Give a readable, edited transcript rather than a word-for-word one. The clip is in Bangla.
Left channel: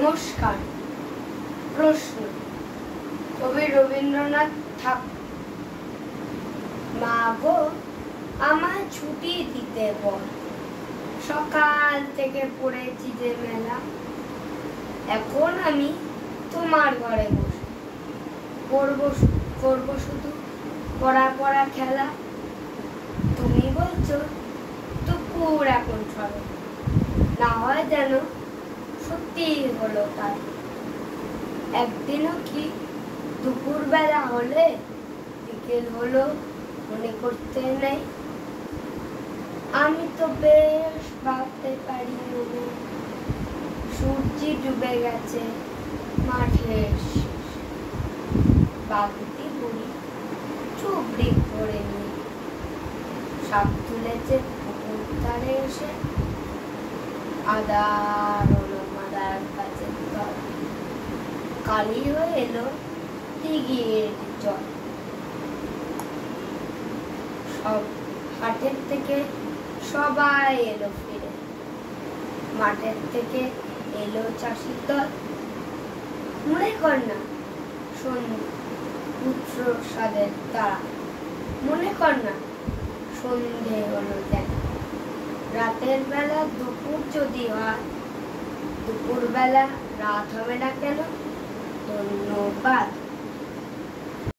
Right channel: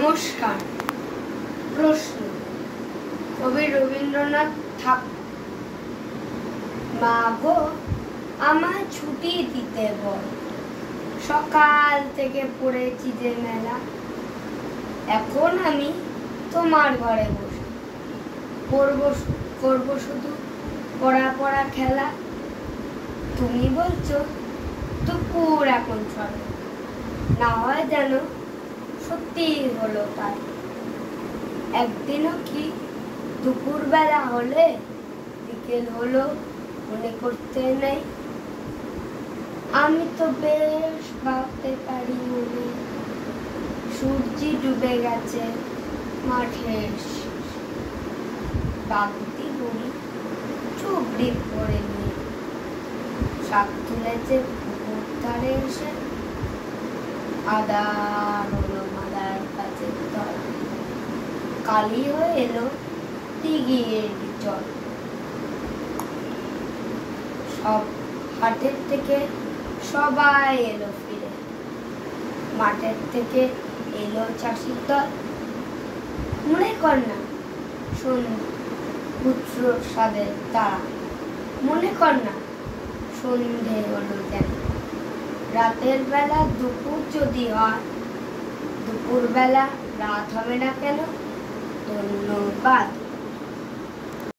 নমস্কার। প্রশ্ন, কবি রবীন্দ্রনাথ ঠাকুর। মা গো, আমায় ছুটি দিতে বল, সকাল থেকে পড়েছি যে মেলা। এখন আমি তোমার ঘরে বসে করবো শুধু পড়া খেলা। তুমি বলছো দুপুর এখন ছড়ে, না হয় যেন সত্যি হলো তাই। একদিনও কি দুপুর বেলা হলে বিকেল হলো মনে করতে নেই? আমি তো বেশ ভাবতে পারি মনে, সূর্য ডুবে গেছে মাঠে, বাবুটি বুড়ি চুবড়ি পড়ে নেই, শাক তুলেছে পুকুর ধারে এসে, আদার হলো মাদার কাছে তল, কালি হয়ে এলো দিঘির জল। সব হাটের থেকে সবাই এলো ফিরে, মাঠের থেকে এলো চাষির দল। মনে কর না পুত্র সাদের তারা, মনে কর না সন্ধে হলো যেন। রাতের বেলা দুপুর যদি হয়, দুপুর বেলা রাত হবে না কেন? ধন্যবাদ।